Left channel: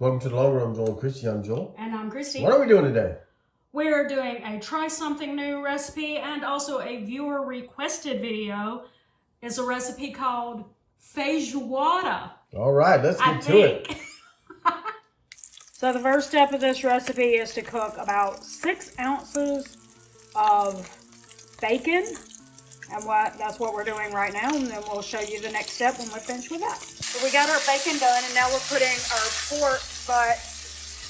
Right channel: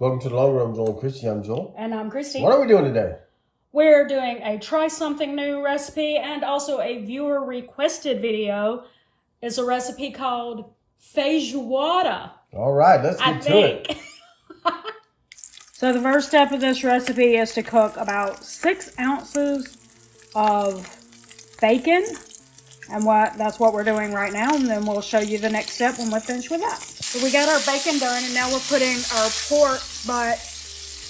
Welcome to the Long Run, Joel and Christy. I'm Joel. And I'm Christy. What are we doing today? We're doing a try something new recipe and also a viewer requested video. It's a recipe called Feijoada. All right, let's get to it. So the first step of this recipe is to cook about 6 ounces of bacon. And that's what we're doing right now. And then we'll show you the next step when we're finished with that. So we got our bacon done, and now we're putting our pork butt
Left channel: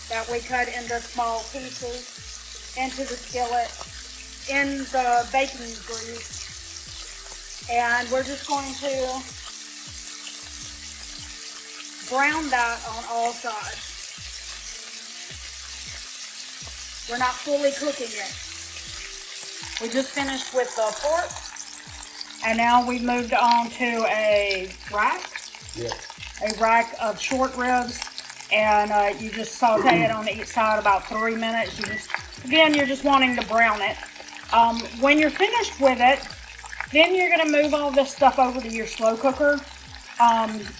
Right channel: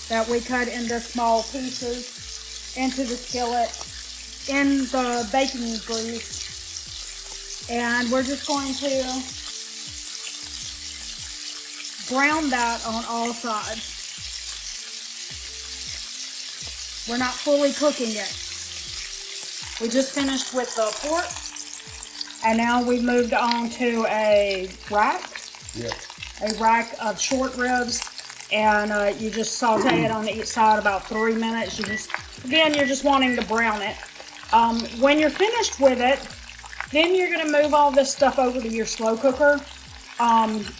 that we cut into small pieces into the skillet in the baking grease. And we're just going to brown that on all sides. We're not fully cooking it. We just finished with the pork. And now we've moved on to a rack. Yeah. A rack of short ribs. And you just saute it on each side about 3 minutes. You're just wanting to brown it. When you're finished with it, then you're going to move all this stuff over to your slow cooker.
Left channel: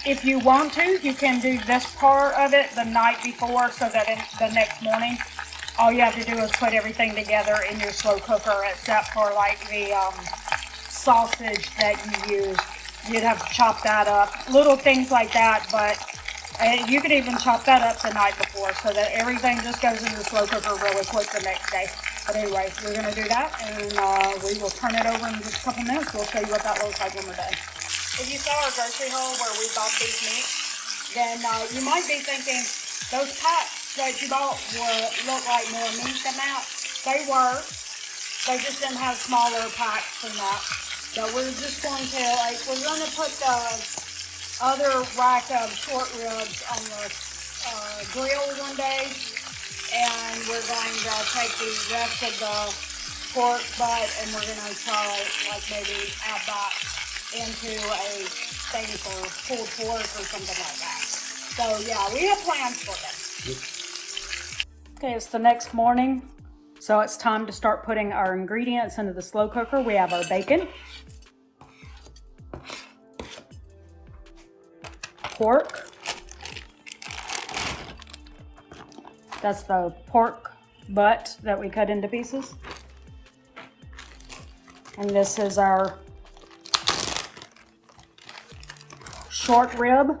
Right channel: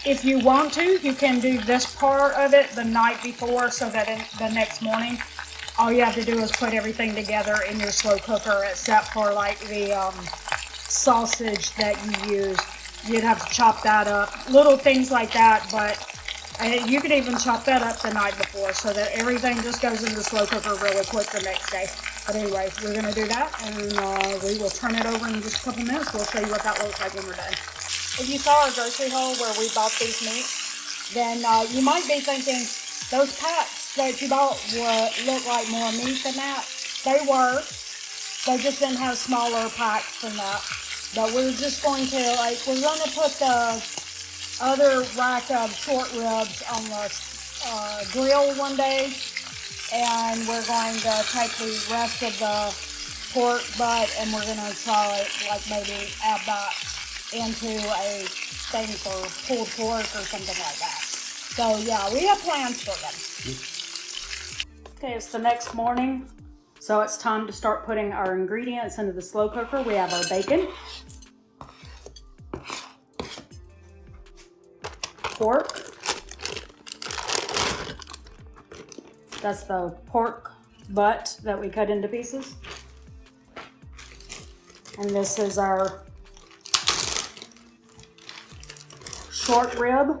If you want to, you can do this part of it the night before so that the next morning, all you have to do is put everything together in your slow cooker except for like the sausage that you use. You'd have to chop that up. Little things like that, but you could even chop that up the night before so that everything just goes in the slow cooker really quick the next day. But anyway, we're going to do that, and we will turn it over in just a couple minutes. We'll show you what that looks like when we're done. If you saw our grocery haul where we bought these meats, then you might be thinking those packs that you bought look like more meat than that. They were. They just didn't have smaller packs than that. But we're just going to, we're going to put the other rack of short ribs on the grill one day. And we're going to take the rest of the pork butt and we're going to try it, like maybe add that into a thing for pulled pork or something like that. So yeah, we have plans for them. Okay, it's the next morning. So it's time to start putting our ingredients into the slow cooker. We have our bacon, pork. That's the pork butt that we cut into pieces. And this is our short rib,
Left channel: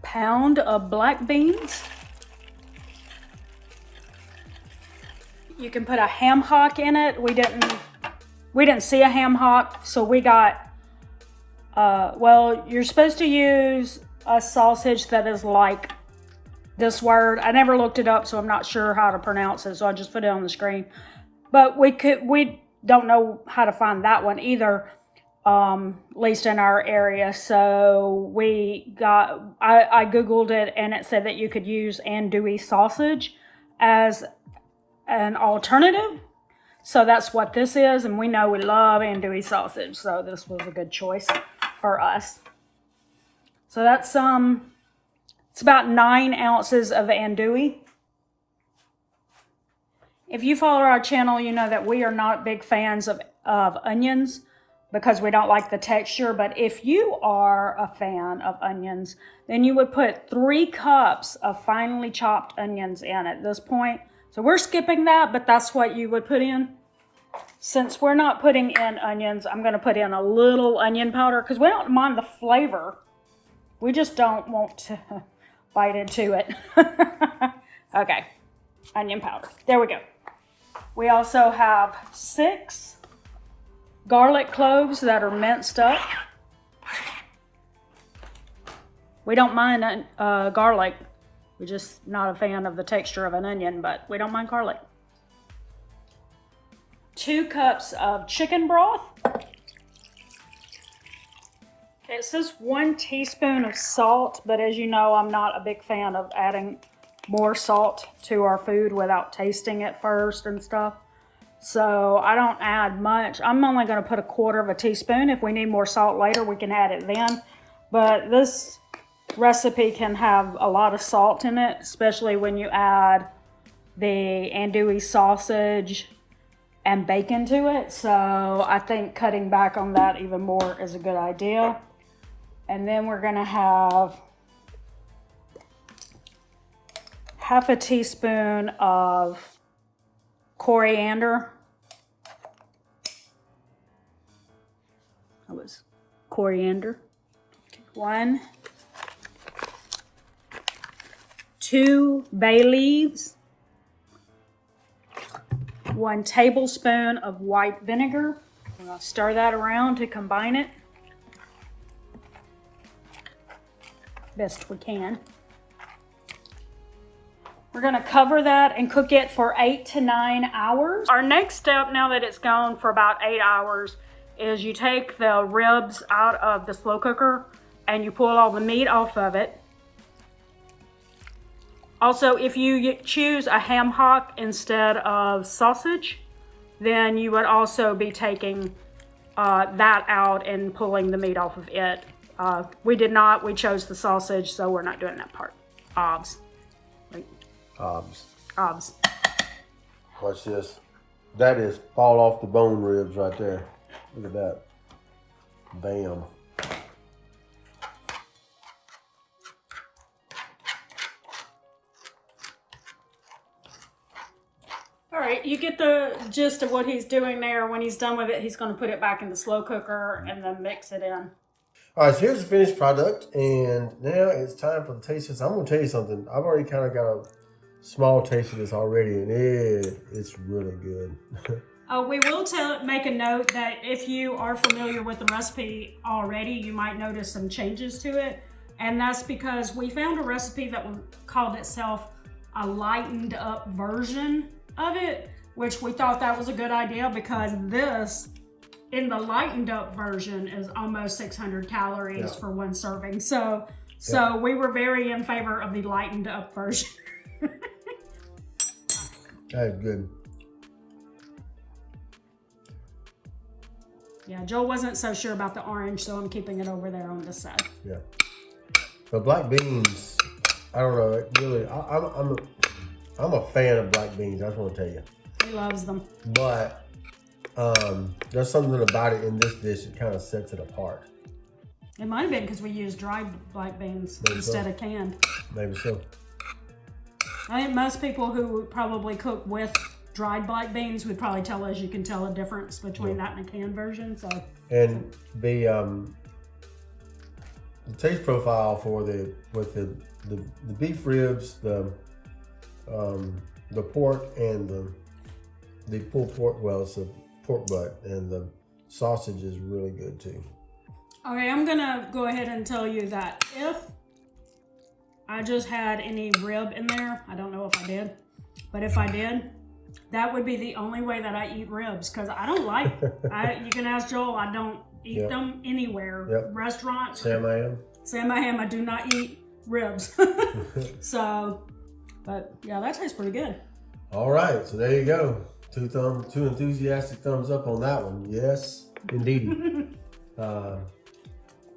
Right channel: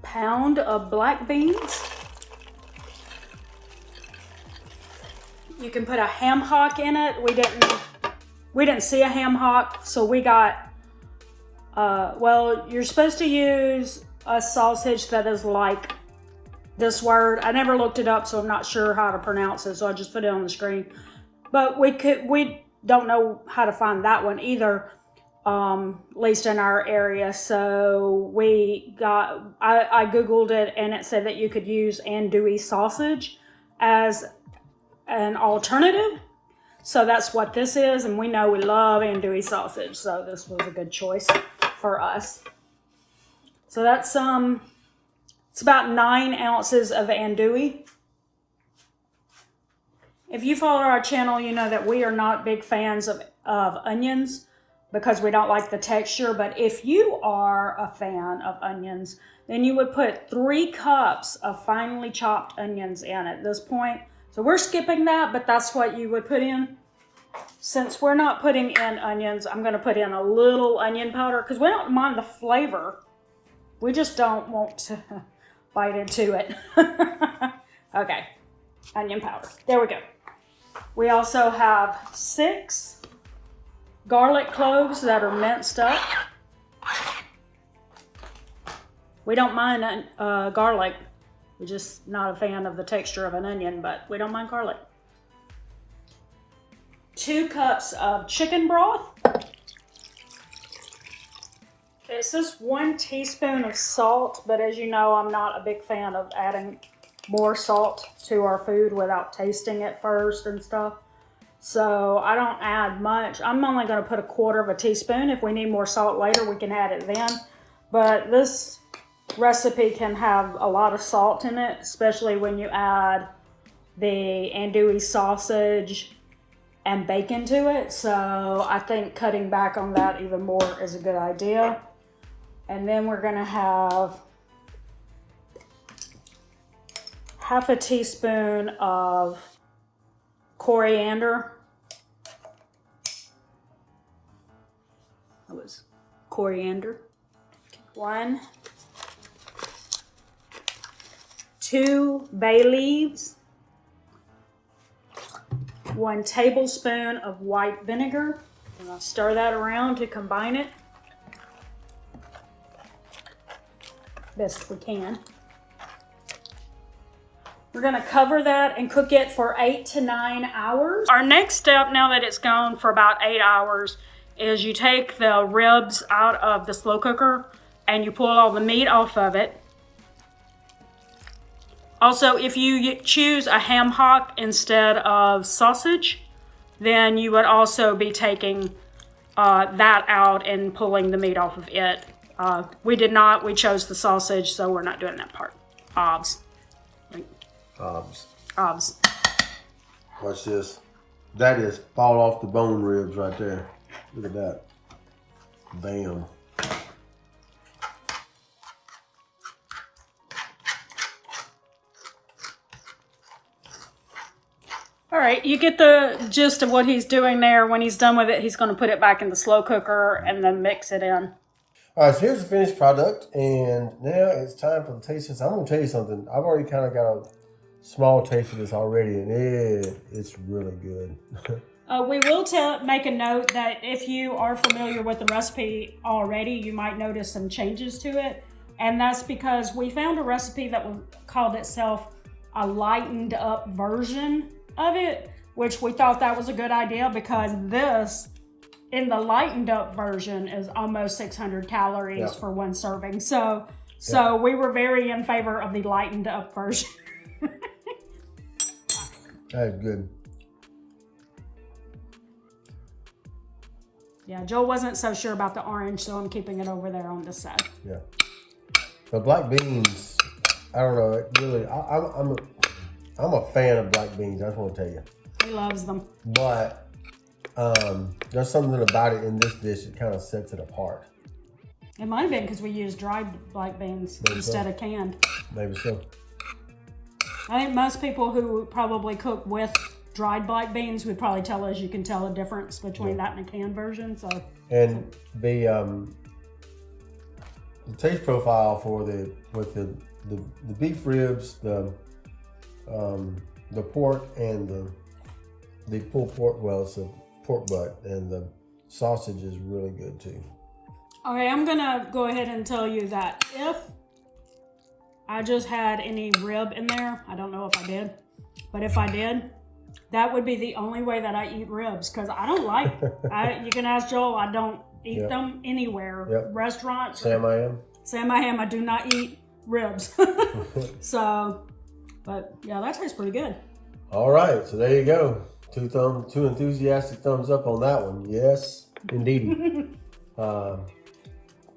pound of black beans. You can put a ham hock in it. We didn't see a ham hock, so we got, well, you're supposed to use a sausage that is like this word. I never looked it up, so I'm not sure how to pronounce it, so I'll just put it on the screen. But we don't know how to find that one either, at least in our area. So I Googled it, and it said that you could use andouille sausage as an alternative. So that's what this is, and we know we love andouille sausage, so this was a good choice for us. So that's it's about 9 ounces of andouille. If you follow our channel, you know that we are not big fans of onions because we don't like the texture. But if you are a fan of onions, then you would put 3 cups of finely chopped onions in at this point. So we're skipping that, but that's what you would put in. Since we're not putting in onions, I'm going to put in a little onion powder because we don't mind the flavor. We just don't want to bite into it. Okay, onion powder. There we go. We also have 6 garlic cloves that are minced up. We don't mind garlic. We're just not a fan of the texture of an onion, but we don't mind garlic. 2 cups of chicken broth. It says 1 teaspoon of salt, but as you know, I'm not a big fan of adding more salt to our food without tasting it first and stuff. So I don't add much. I'm only going to put 1/4 teaspoon. If we need more salt later, we can add it then. But this recipe can have a lot of salt in it, especially when you add the andouille sausage and bacon to it. So I think cutting back on that even more is a good idea. And then we're gonna have half a teaspoon of coriander. What was coriander? 1, 2 bay leaves, 1 tablespoon of white vinegar. And I'll stir that around to combine it best we can. We're gonna cover that and cook it for 8 to 9 hours. Our next step, now that it's gone for about 8 hours, is you take the ribs out of the slow cooker and you pull all the meat off of it. Also, if you choose a ham hock instead of sausage, then you would also be taking that out and pulling the meat off of it. We did not. We chose the sausage, so we're not doing that part. Obs. Right. Obs. Watch this. That is fall off the bone ribs right there. Look at that. Bam. All right, you get the gist of what he's doing there. When he's done with it, he's going to put it back in the slow cooker and then mix it in. All right, so here's the finished product, and now it's time for the taste test. I'm going to tell you something. I've already kind of got a small taste of this already, and it's really good. We will make a note that if you are familiar with the recipe already, you might notice some changes to it. And that's because we found a recipe that called itself a lightened up version of it, which we thought that was a good idea because this, in the lightened up version, is almost 600 calories for one serving. So we were very in favor of the lightened up version. That is good. Yeah, Joel wasn't so sure about the orange, so I'm keeping it over there on this side. Yeah. The black beans, I don't know, it really, I'm a fan of black beans, I just want to tell you. He loves them. But there's something about it in this dish that kind of sets it apart. It might have been because we used dried black beans instead of canned. Maybe so. I think most people who probably cook with dried black beans would probably tell us you can tell the difference between that and a canned version. So, and the taste profile for the beef ribs, the pork and the pulled pork, well, it's a pork butt, and the sausage is really good too. Okay, I'm gonna go ahead and tell you that if I just had any rib in there, I don't know if I did, but if I did, that would be the only way that I eat ribs, because I don't like, you can ask Joel, I don't eat them anywhere. Restaurants. Sam I am. I do not eat ribs. So, but yeah, that tastes pretty good. All right, so there you go. Two enthusiastic thumbs up on that one. Yes, indeedy.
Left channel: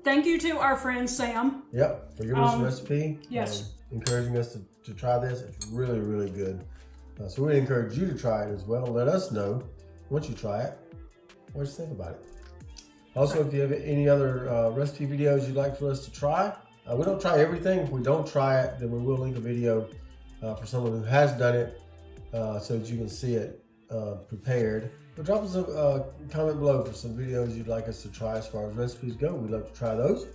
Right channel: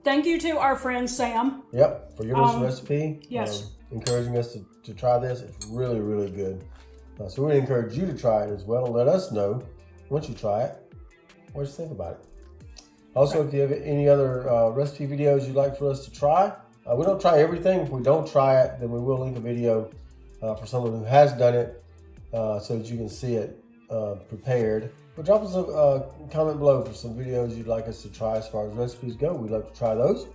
Thank you to our friend Sam. Yep, for giving us a recipe. Yes. Encouraging us to try this. It's really, really good. So we encourage you to try it as well. Let us know once you try it what you think about it. Also, if you have any other recipe videos you'd like for us to try, we don't try everything. If we don't try it, then we will link a video for someone who has done it so that you can see it prepared. But drop us a comment below for some videos you'd like us to try as far as recipes go. We'd love to try those.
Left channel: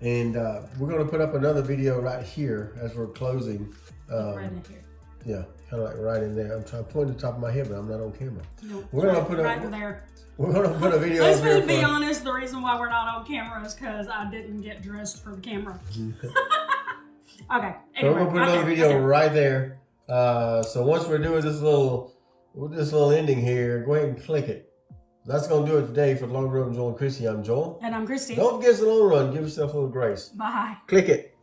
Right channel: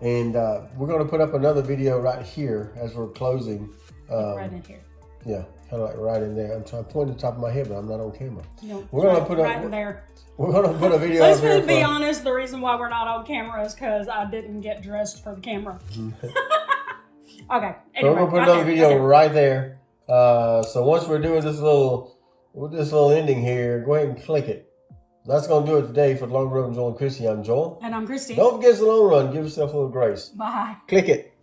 And we're going to put up another video right here as we're closing. Right in here. Yeah, kind of like right in there. I'm trying to point to the top of my head, but I'm not on camera. No, we're going to put right in there. We're going to put a video Let's up here. Be honest, the reason why we're not on camera is because I didn't get dressed for the camera. Okay. Anyway, so we're going to put another video right there. So once we're doing this little ending here, go ahead and click it. That's going to do it today for the Long Run, Joel and Christy. I'm Joel. And I'm Christy. Don't forget the long run. Give yourself a little grace. Bye. Click it.